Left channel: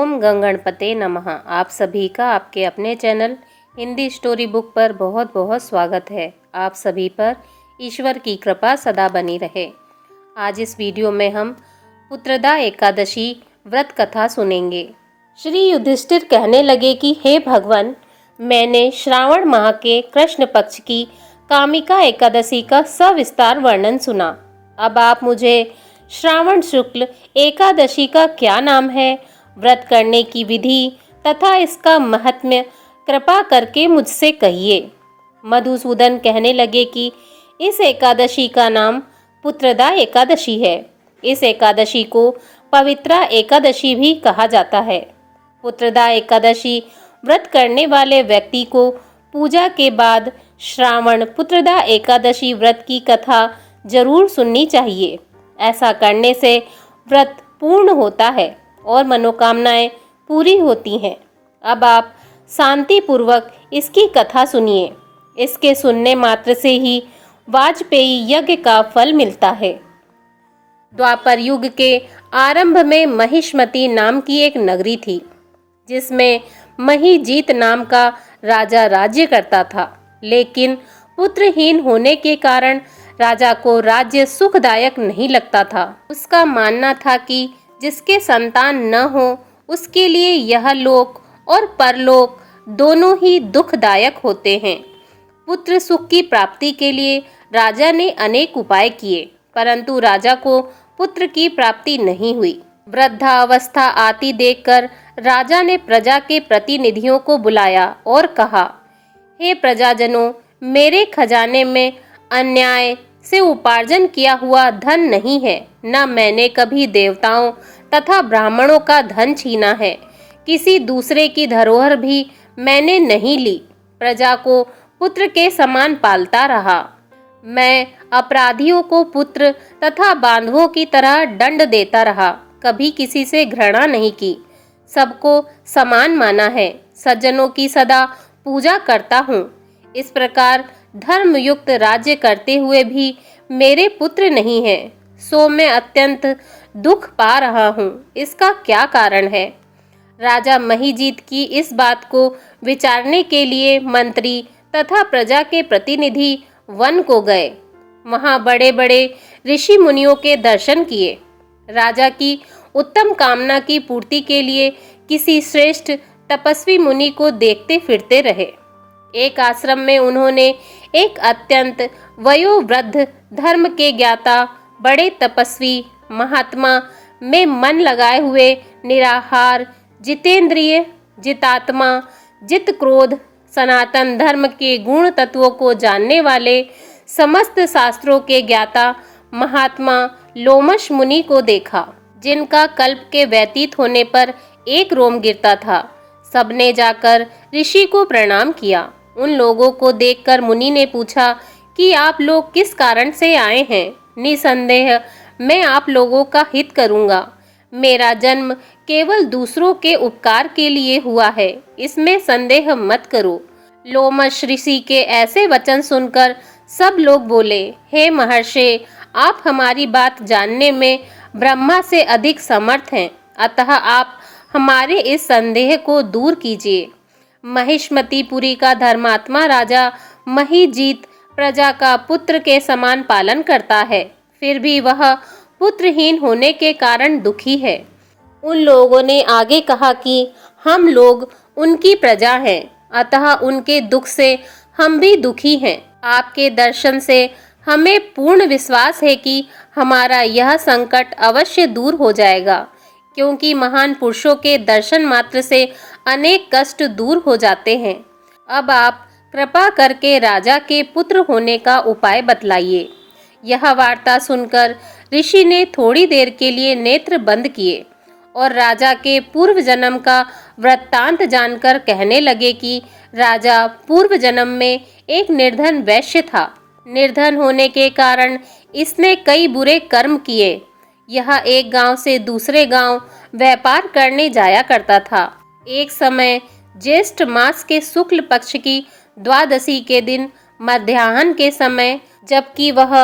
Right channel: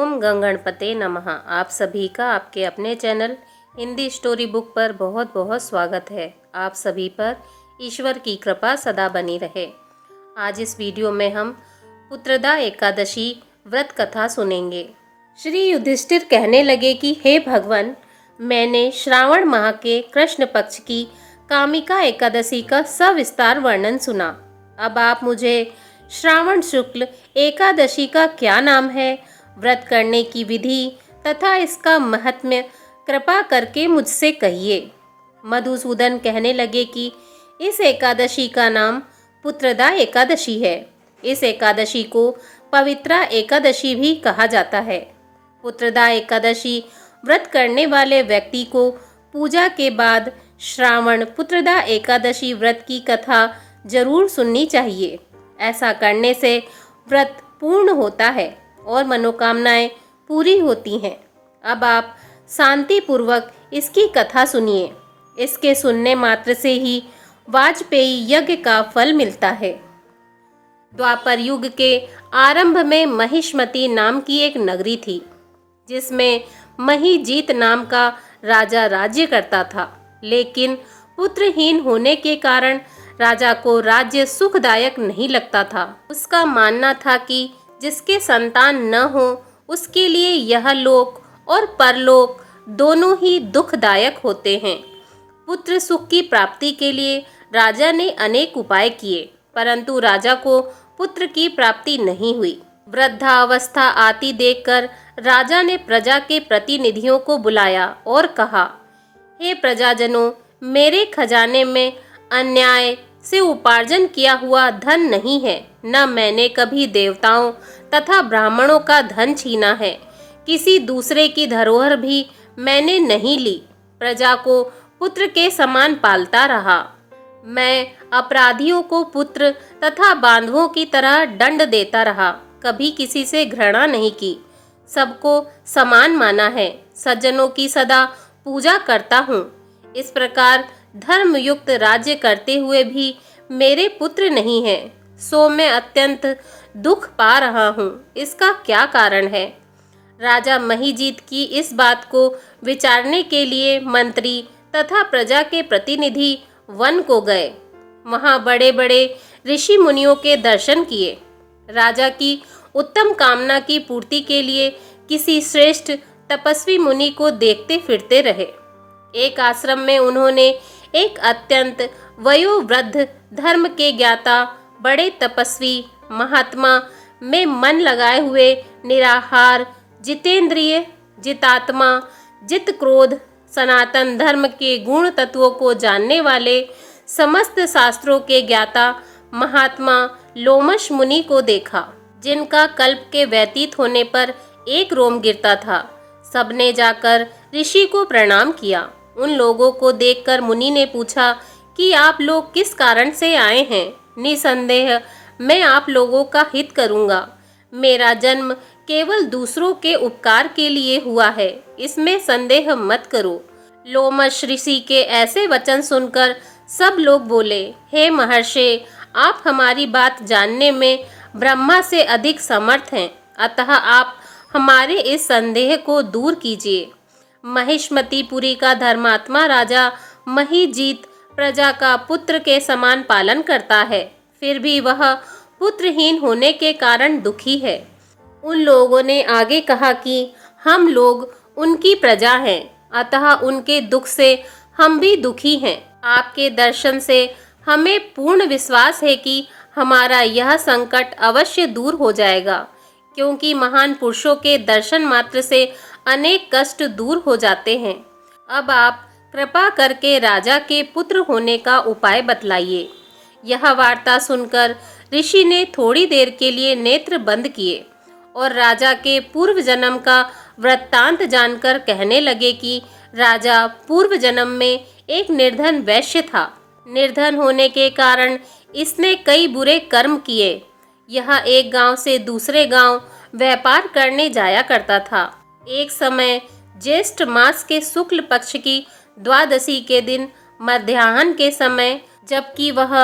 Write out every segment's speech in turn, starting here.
ओम गंगणपते नमः। आप सभी का आपके अपने चैनल हिंदी स्टोरी बुक पर बहुत बहुत स्वागत है। आप सभी पर ईश्वर की कृपा सदा बनी रहे। आज इस वीडियो में हम पुत्रदा एकादशी व्रत कथा सुनेंगे। श्री युधिष्ठिर कहने लगे कि हे भगवान, मैंने श्रावण माह के कृष्ण पक्ष की कामिका एकादशी का सविस्तार वर्णन सुना। अब आप मुझे श्रावण शुक्ल एकादशी का क्या नाम है, व्रत करने की विधि तथा इसका महत्म्य कृपा करके मुझसे कहिए। मधुसूदन कहने लगे कि इस एकादशी का नाम पुत्रदा एकादशी है। इस एकादशी को पवित्रा एकादशी भी कहा जाता है। पुत्रदा एकादशी व्रत करने वाले व्यक्ति को पूजा के बाद श्रावण पुत्रदा एकादशी व्रत की कथा जरूर सुननी चाहिए। ऐसा करने से व्रत पूर्ण होता है और मनोकामनाएं पूरी होती हैं। अब आप शांति पूर्वक इसकी कथा सुनिए। इसके सुनने मात्र से ही वाजपेयी यज्ञ का फल मिलता है। द्वापर युग के आरंभ में महिष्मती नाम की एक नगरी थी, जिसमें महीजीत नाम का राजा राज्य करता था। लेकिन पुत्रहीन होने के कारण राजा को राज्य सुखदायक नहीं लगता था। उसका मानना था कि जिसके संतान न हो उसके लिए यह लोक और परलोक दोनों ही दुखदायक होते हैं। पुत्र सुख की प्राप्ति के लिए राजा ने अनेक उपाय किए, परंतु राजा को पुत्र की प्राप्ति नहीं हुई। वृद्धावस्था आती देखकर राजा ने प्रजा के प्रतिनिधियों को बुलाया और कहा, हे प्रजाजनों, मेरे खजाने में अन्याय से उपार्जन किया हुआ धन नहीं है। न मैंने कभी देवताओं तथा ब्राह्मणों का धन छीना है। किसी दूसरे की धरोहर भी मैंने नहीं ली। प्रजा को पुत्र के समान पालता रहा। मैं अपराधियों को पुत्र तथा बांधवों की तरह दंड देता रहा। कभी किसी से घृणा नहीं की। सबको समान माना है। सज्जनों की सदा पूजा करता हूँ। इस प्रकार धर्मयुक्त राज्य करते हुए भी मेरे पुत्र नहीं है, सो मैं अत्यंत दुख पा रहा हूँ। इसका क्या कारण है? राजा महीजीत की इस बात को विचारने के लिए मंत्री तथा प्रजा के प्रतिनिधि वन को गए। वहाँ बड़े बड़े ऋषि मुनियों के दर्शन किए। राजा की उत्तम कामना की पूर्ति के लिए किसी श्रेष्ठ तपस्वी मुनि को देखते फिरते रहे। एक आश्रम में उन्होंने एक अत्यंत वयोवृद्ध धर्म के ज्ञाता बड़े तपस्वी महात्मा में मन लगाए हुए निराहार जितेंद्रिय जितात्मा जित क्रोध सनातन धर्म के गुण तत्वों को जानने वाले समस्त शास्त्रों के ज्ञाता महात्मा लोमश मुनि को देखा, जिनका कल्प के व्यतीत होने पर एक रोम गिरता था। सबने जाकर ऋषि को प्रणाम किया। उन लोगों को देखकर मुनि ने पूछा कि आप लोग किस कारण से आए हैं? निसंदेह मैं आप लोगों का हित करूंगा। मेरा जन्म केवल दूसरों के उपकार के लिए हुआ है, इसमें संदेह मत करो। लोमश ऋषि के ऐसे वचन सुनकर सब लोग बोले, हे महर्षि, आप हमारी बात जानने में ब्रह्मा से अधिक समर्थ हैं, अतः आप हमारे इस संदेह को दूर कीजिए। महिष्मतीपुरी का धर्मात्मा राजा महीजीत प्रजा का पुत्र के समान पालन करता है, फिर भी वह पुत्रहीन होने के कारण दुखी है। उन लोगों ने आगे कहा कि हम लोग उनकी प्रजा हैं, अतः उनके दुख से हम भी दुखी हैं। आपके दर्शन से हमें पूर्ण विश्वास है कि हमारा यह संकट अवश्य दूर हो जाएगा, क्योंकि महान पुरुषों के दर्शन मात्र से अनेक कष्ट दूर हो जाते हैं। अब आप कृपा करके राजा के पुत्र होने का उपाय बतलाइए। यह वार्ता सुनकर ऋषि ने थोड़ी देर के लिए नेत्र बंद किए और राजा के पूर्व जन्म का वृत्तांत जानकर कहने लगे कि राजा पूर्व जन्म में एक निर्धन वैश्य था। निर्धन होने के कारण इसने कई बुरे कर्म किए। यह एक गांव से दूसरे गांव व्यापार करने जाया करता था। एक समय ज्येष्ठ मास के शुक्ल पक्ष की द्वादशी के दिन मध्याह्न के समय, जबकि वह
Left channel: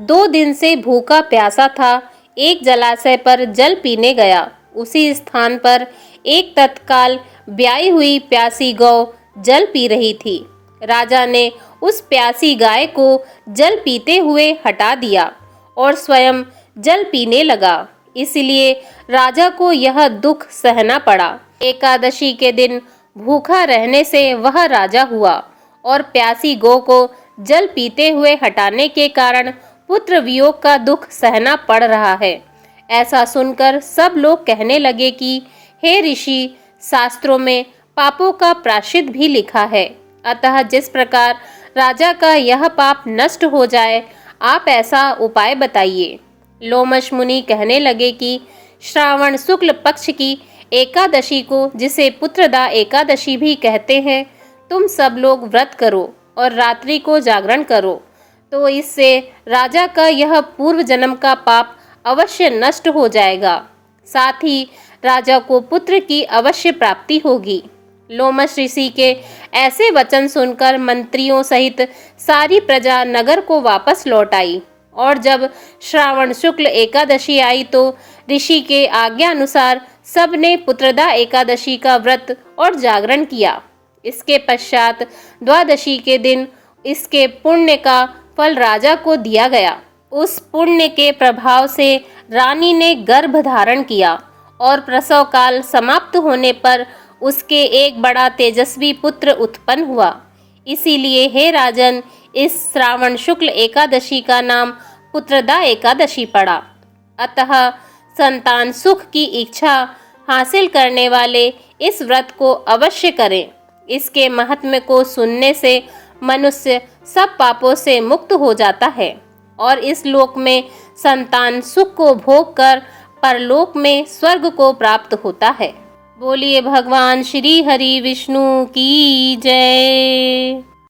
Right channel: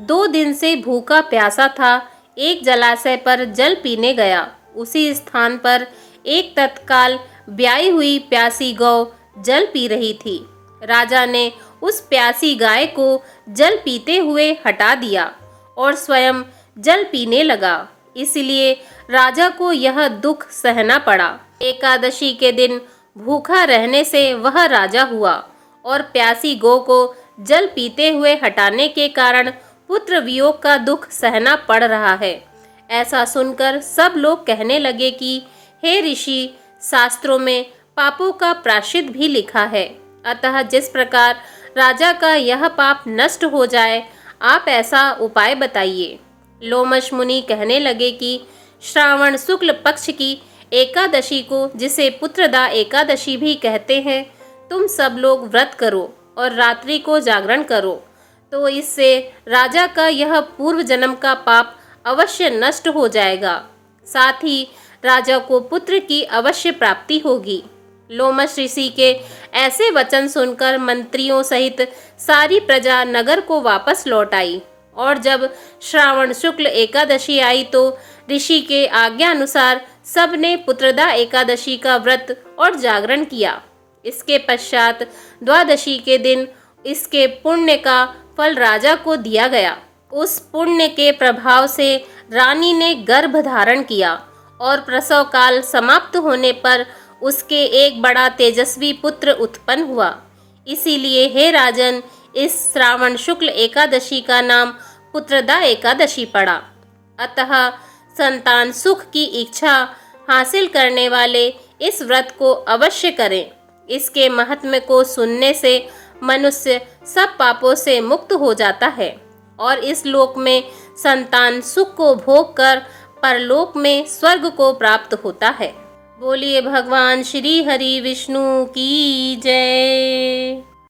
2 दिन से भूखा प्यासा था, एक जलाशय पर जल पीने गया। उसी स्थान पर एक तत्काल ब्याई हुई प्यासी गौ जल पी रही थी। राजा ने उस प्यासी गाय को जल पीते हुए हटा दिया और स्वयं जल पीने लगा। इसलिए राजा को यह दुख सहना पड़ा। एकादशी के दिन भूखा रहने से वह राजा हुआ और प्यासी गौ को जल पीते हुए हटाने के कारण पुत्र वियोग का दुख सहना पड़ रहा है। ऐसा सुनकर सब लोग कहने लगे कि हे ऋषि, शास्त्रों में पापों का प्रायश्चित भी लिखा है, अतः जिस प्रकार राजा का यह पाप नष्ट हो जाए, आप ऐसा उपाय बताइए। लोमश मुनि कहने लगे कि श्रावण शुक्ल पक्ष की एकादशी को, जिसे पुत्रदा एकादशी भी कहते हैं, तुम सब लोग व्रत करो और रात्रि को जागरण करो, तो इससे राजा का यह पूर्व जन्म का पाप अवश्य नष्ट हो जाएगा। साथ ही राजा को पुत्र की अवश्य प्राप्ति होगी। लोमश ऋषि के ऐसे वचन सुनकर मंत्रियों सहित सारी प्रजा नगर को वापस लौट आई और जब श्रावण शुक्ल एकादशी आई तो ऋषि के आज्ञा अनुसार सबने पुत्रदा एकादशी का व्रत और जागरण किया। इसके पश्चात द्वादशी के दिन इसके पुण्य का फल राजा को दिया गया। उस पुण्य के प्रभाव से रानी ने गर्भ धारण किया और प्रसव काल समाप्त होने पर उसके एक बड़ा तेजस्वी पुत्र उत्पन्न हुआ। इसीलिए हे राजन, इस श्रावण शुक्ल एकादशी का नाम पुत्रदा एकादशी पड़ा। अतः संतान सुख की इच्छा हासिल करने वाले इस व्रत को अवश्य करें। इसके महात्म्य को सुनने से मनुष्य सब पापों से मुक्त हो जाता है और इस लोक में संतान सुख को भोग कर परलोक में स्वर्ग को प्राप्त होता है। बोलिए भगवान श्री हरि विष्णु की जय।